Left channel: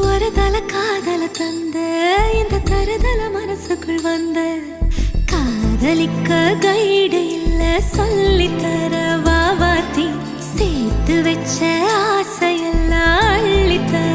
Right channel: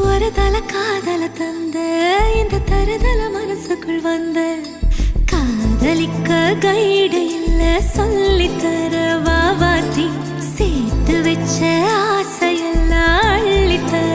ஒரு தல காதல தந்த இந்த தருதல மனசுக்குள் வந்த காதலிக்க கைடு இல்ல சொல்லித்தர வாவாத்தி சேர்த்து வச்ச ஆசையெல்லாம் அள்ளித்தர